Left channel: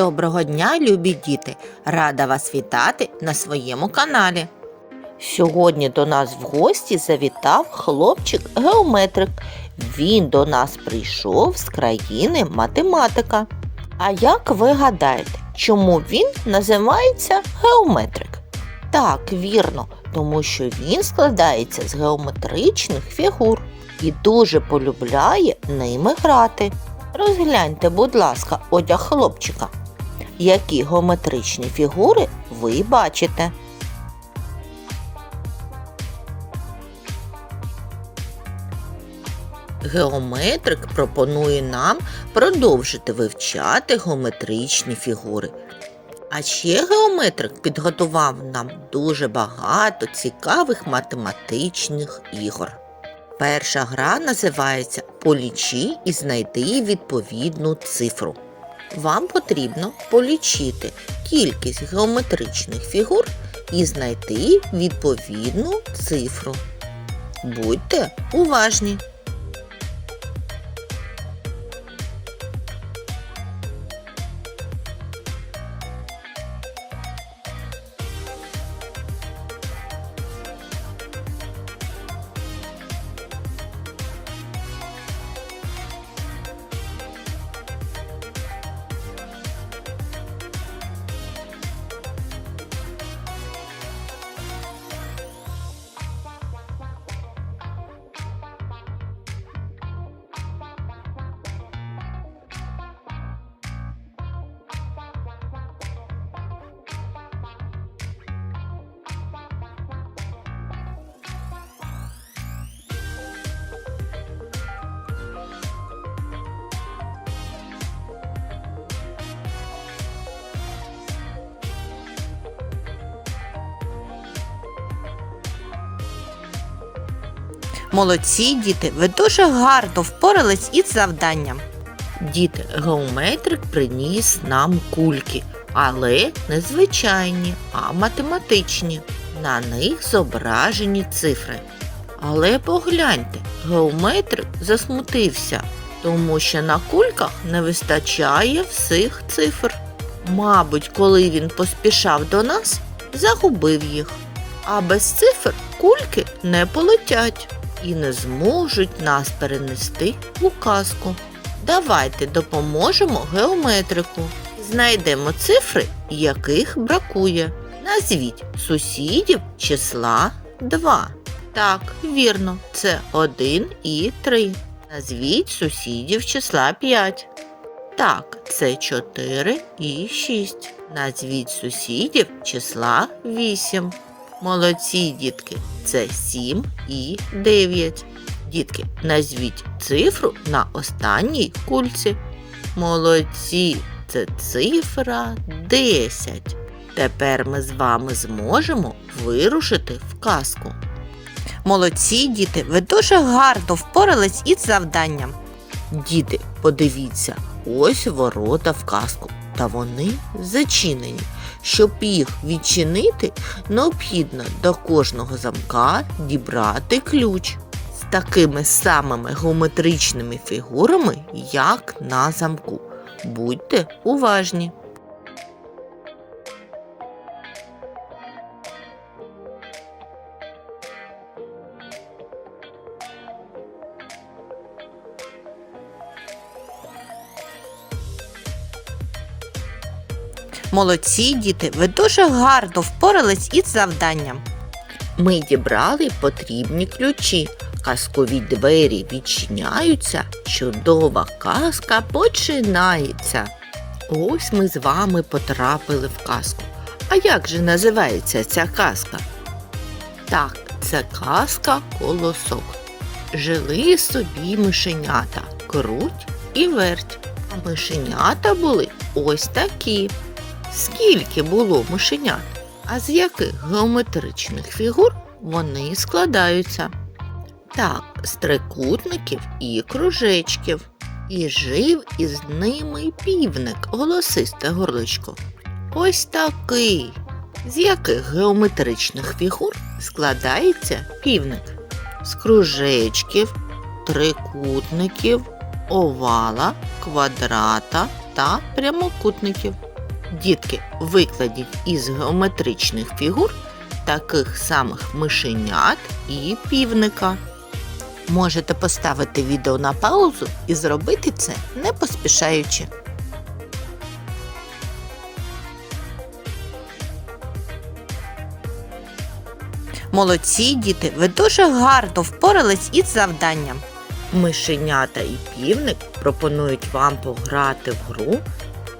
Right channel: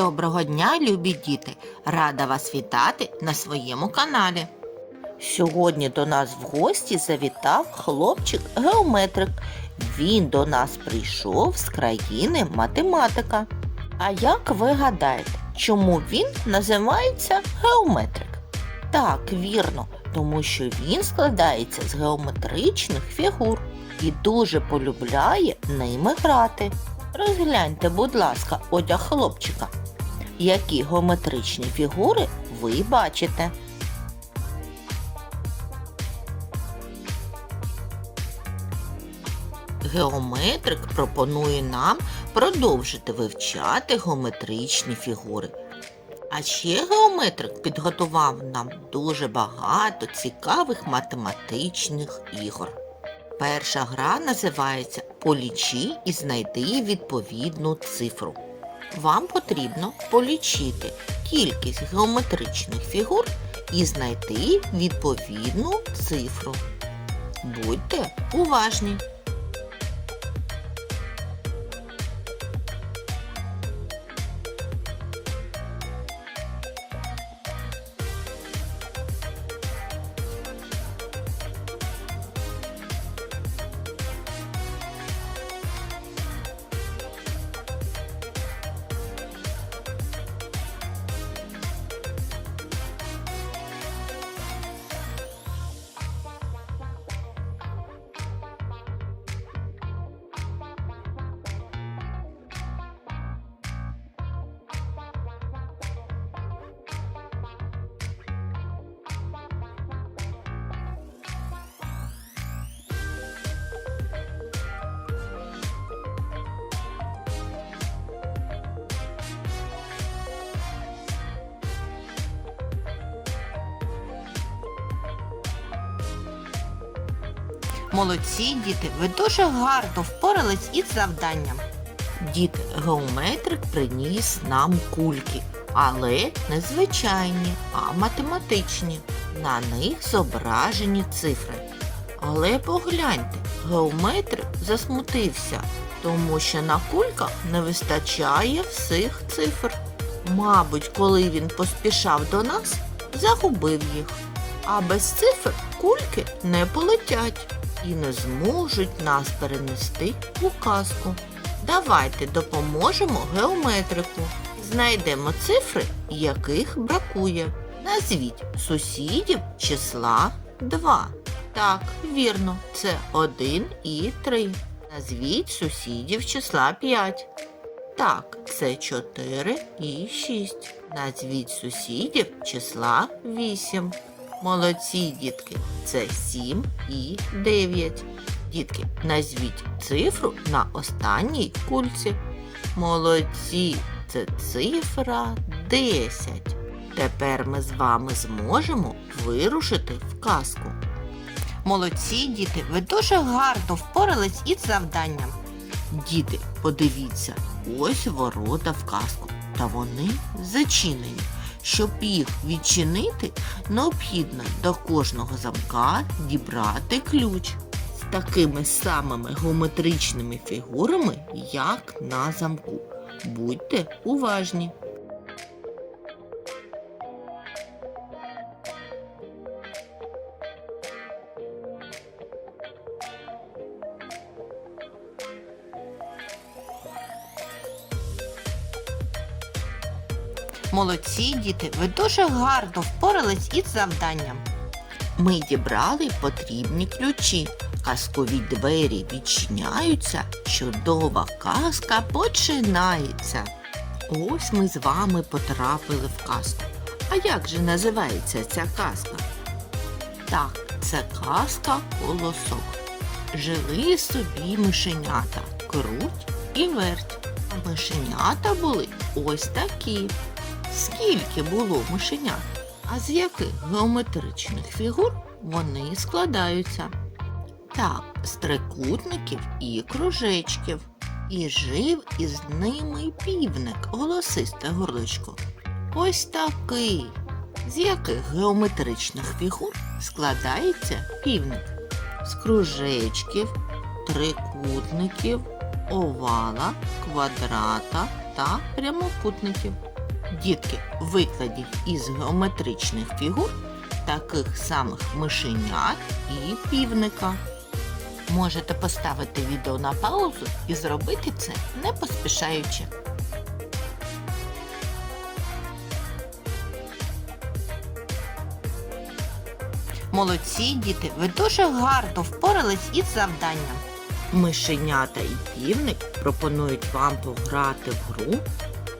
Доброго дня, любі діти! Рада вас вітати на своєму каналі. Сьогодні до нас в гості завітав хлопчик геометрик. Він до нас прийшов з країни математика. А як ви гадаєте, чому він називається геометрик? Так, вірно, тому що він складається з геометричних фігур і дуже полюбляє ними грати. Розгляньте, будь ласка, одяг хлопчика. Які геометричні фігури ви бачите? Геометрик пропонує нам продовжити вивчати геометричні фігури. А ще геометрик підготував нам дуже багато цікавих математичних ігор. Перша гра називається Полічи і знайди відповідну цифру. Вам потрібно полічити кількість геометричних фігур і знайти відповідну цифру. Будьте уважні! Молодці, діти, ви дуже гарно впорались із завданням. Діти, геометрик приніс нам кульки, але не звичайні, а математичні. На них зображені цифри. Але погляньте, геометрик засмутився, тому що на кульках не вистачає всіх цифр. Мабуть, коли він поспішав до нас, загубив їх. А без цифр кульки не полетять і не зможуть нас перенести у казку. Давайте допоможемо геометрику. Знайдемо цифри, яких бракує. Назвіть сусідів числа 2. Так, вірно, це 1 і 3. Назвіть сусідів числа 5. Так, це 4 і 6. Назвіть сусідів числа 8. Молодці, дітки, це 7 і 9. Дітки, назвіть цифру на останній кульці. Молодці, це цифра 10. Тепер ми з вами зможемо вирушити в казку. Молодці, діти, ви дуже гарно впорались із завданням. Діти, подивіться, ось ворота в казку, та вони зачинені. Щоб їх відчинити, необхідно до кожного замка дібрати ключ з такими самими геометричними фігурами, як на замку. Будьте уважні. Молодці, діти, ви дуже гарно впорались із завданням. Ми дібрали потрібні ключі. Казкові двері відчиняються, чудова казка починається. Ось ми з вами потрапили в казку. А як же називається ця казка? Так, це казка колосок. Жили собі мишенята, круть і верть. Мишенята були ось такі. Скільки було мишенят? А з яких геометричних фігур вони складаються? Так, з трикутників і кружечків. І жив із ними півник, голосисте горличко. Ось такий. З яких геометричних фігур складається півник? З кружечків, трикутників, овала, квадрата та прямокутників. Дітки, викладіть із геометричних фігур таких самих мишенят і півника. Можете поставити відео на паузу і зробити це не поспішаючи. Молодці, діти, ви дуже гарно впорались із завданням. Мишенята і півник пропонують вам пограти в гру,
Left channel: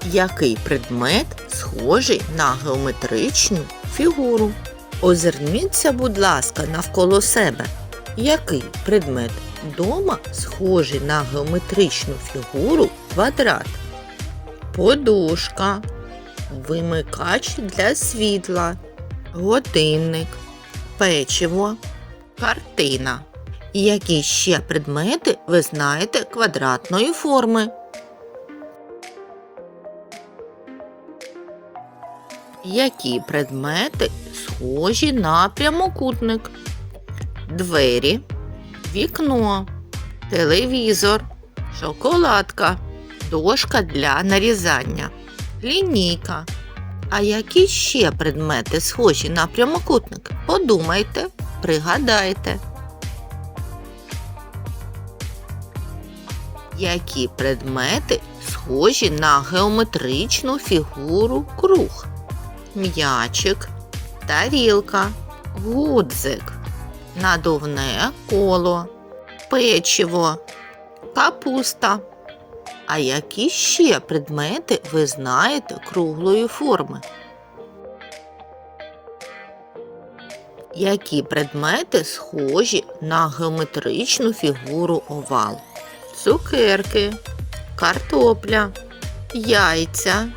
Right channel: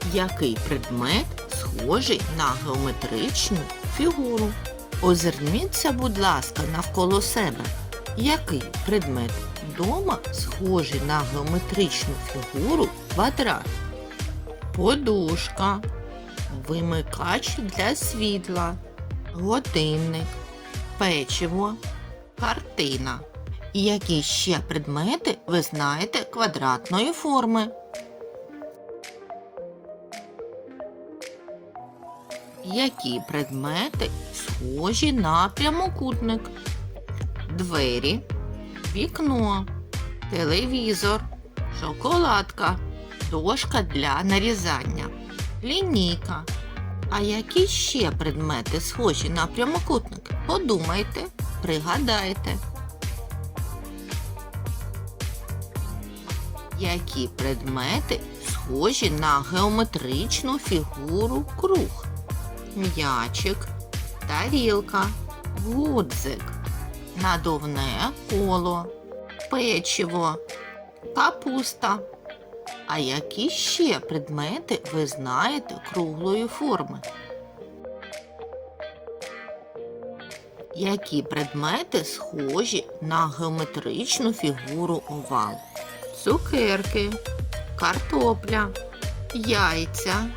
який предмет схожий на геометричну фігуру. Озирніться, будь ласка, навколо себе. Який предмет дома схожий на геометричну фігуру квадрат? Подушка, вимикач для світла, годинник, печиво, картина. Які ще предмети ви знаєте квадратної форми? Які предмети схожі на прямокутник? Двері, вікно, телевізор, шоколадка, дошка для нарізання, лінійка. А які ще предмети схожі на прямокутник? Подумайте, пригадайте. Які предмети схожі на геометричну фігуру круг? М'ячик, тарілка, гудзик, надувне коло, печиво, капуста. А які ще предмети ви знаєте круглої форми? Які предмети схожі на геометричну фігуру овал? Цукерки, картопля, яйця,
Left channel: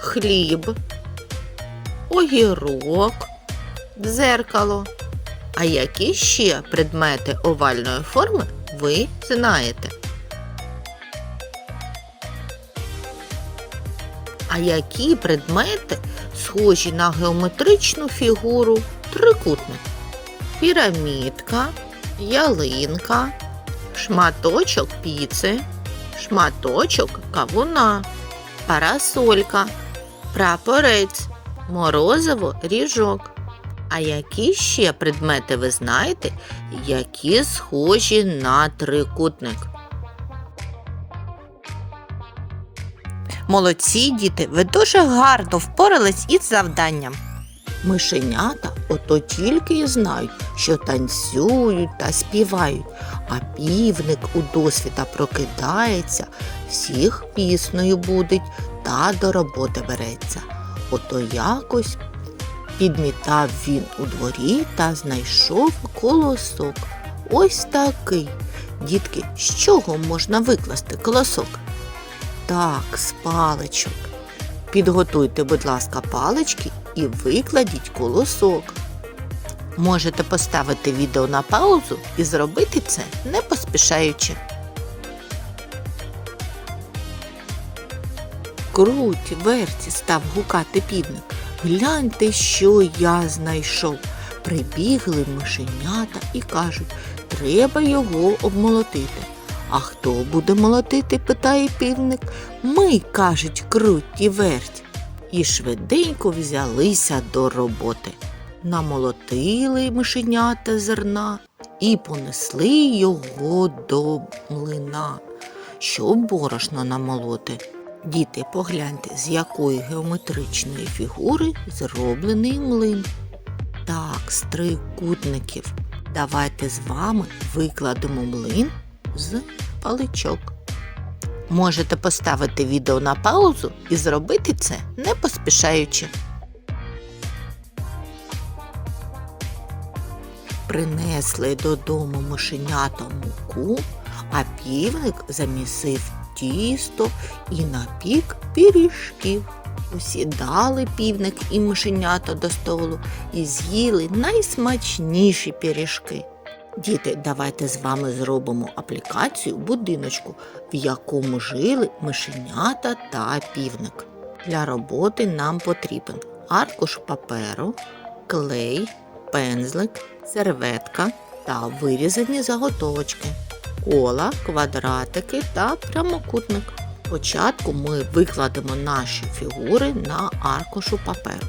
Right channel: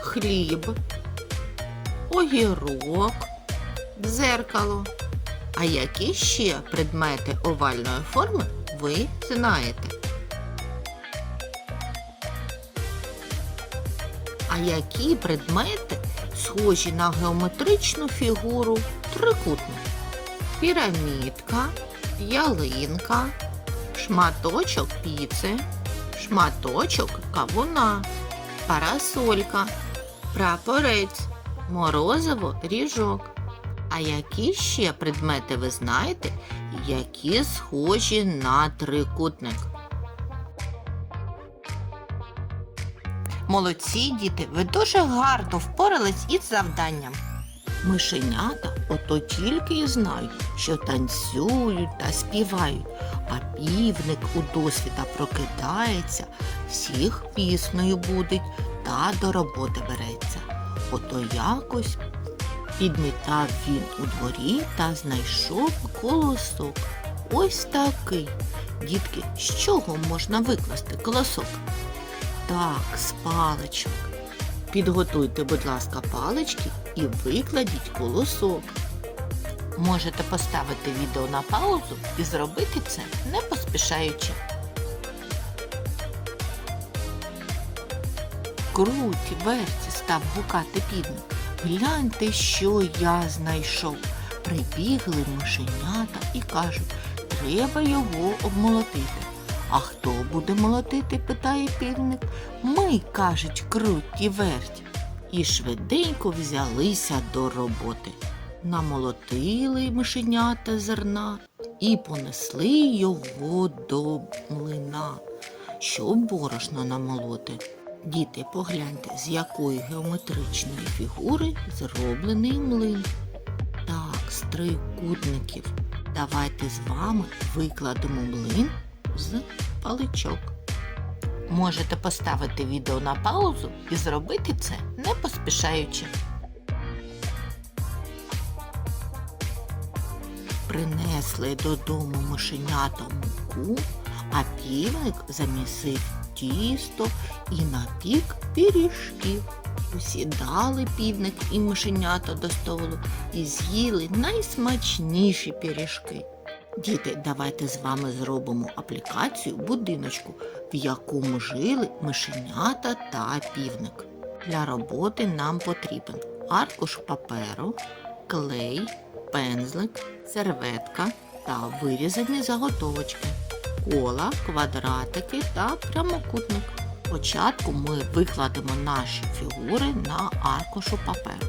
хліб, огірок, дзеркало. А які ще предмети овальної форми ви знаєте? А які предмети схожі на геометричну фігуру трикутник? Пірамідка, ялинка, шматочок піци, шматочок кавуна, парасолька, прапорець, морозиво ріжок. А які ще предмети ви знаєте, які схожі на трикутник? Молодці діти, ви дуже гарно впорались із завданням. Мишенята ото тільки й знають, що танцюють та співають, а півник у досвіта прокидається, всіх піснею будить та до роботи береться. Ото якось підмітав він у дворі та знайшов колосок. Ось такий. Дітки, з чого можна викласти колосок? Так, з паличок. Підготуйте, будь ласка, палички і викладіть колосок. Можете поставити відео на паузу і зробити це не поспішаючи. Круть, верті став гукати півник. Гляньте, що я знайшов. Прибігли мишенята і кажуть, треба його обмолотити. А хто буде молотити? питає півник. Ми, кажуть, круть і верть. І швиденько взялися до роботи. Намолотили мишенята зерна і понесли його до млина, щоб борошно намолоти. Діти, погляньте, з якої геометричної фігури зроблений млин. Так, з трикутників. Давайте з вами викладемо млин з паличок. Можете поставити відео на паузу і зробити це не поспішаючи. Принесли додому мишенята муку, а півник замісив тісто і напік пиріжків. Усідали півник і мишенята до столу і з'їли найсмачніші пиріжки. Діти, давайте з вами зробимо аплікацію будиночку, в якому жили мишенята та півник. Для роботи нам потрібен аркуш паперу, клей, пензлик, серветка та вирізані заготовочки, кола, квадратики та прямокутник. Спочатку ми викладемо наші фігури на аркушу паперу.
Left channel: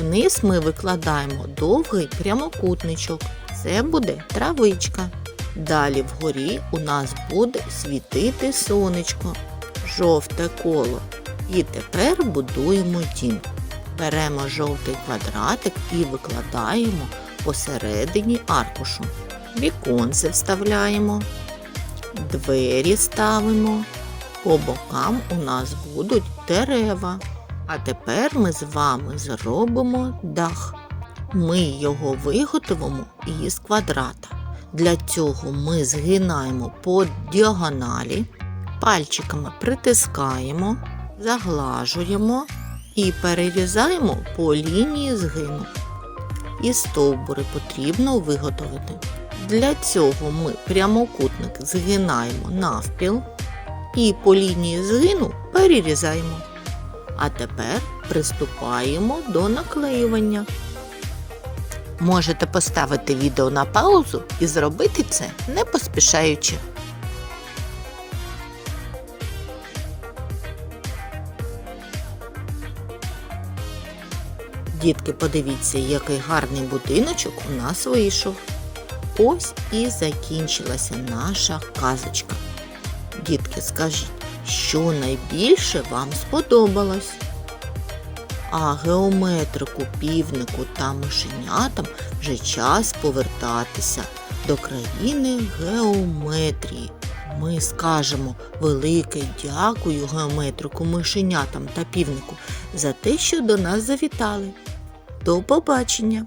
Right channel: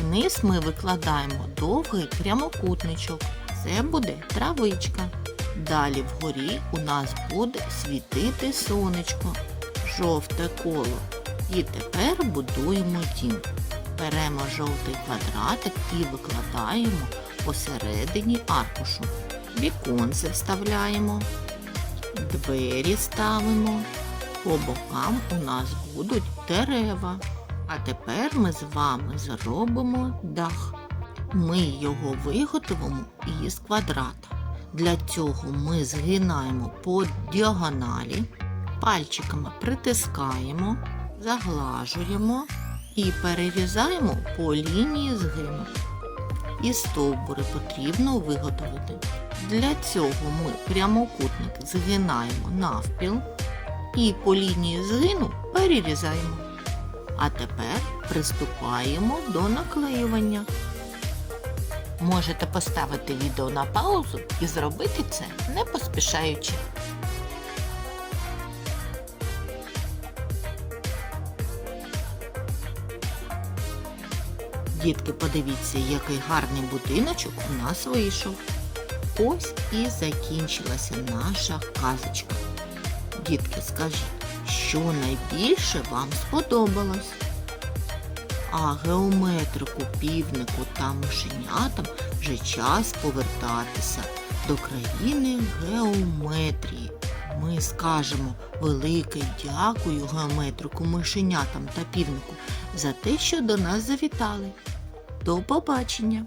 Вниз ми викладаємо довгий прямокутничок. Це буде травичка. Далі вгорі у нас буде світити сонечко, жовте коло. І тепер будуємо дім. Беремо жовтий квадратик і викладаємо посередині аркушу. Віконце вставляємо, двері ставимо. По бокам у нас будуть дерева. А тепер ми з вами зробимо дах. Ми його виготовимо із квадрата. Для цього ми згинаємо по діагоналі, пальчиками притискаємо, заглажуємо і перерізаємо по лінії згину. І стовбури потрібно виготовити. Для цього ми прямокутник згинаємо навпіл і по лінії згину перерізаємо. А тепер приступаємо до наклеювання. Можете поставити відео на паузу і зробити це не поспішаючи. Дітки, подивіться, який гарний будиночок у нас вийшов. Ось і закінчилася наша казочка. Дітки, скажіть, що найбільше вам сподобалось? А геометрику, півнику та мишенятам вже час повертатися до країни геометрії. Ми скажемо велике дякую геометрику, мишенятам та півнику за те, що до нас завітали. До побачення!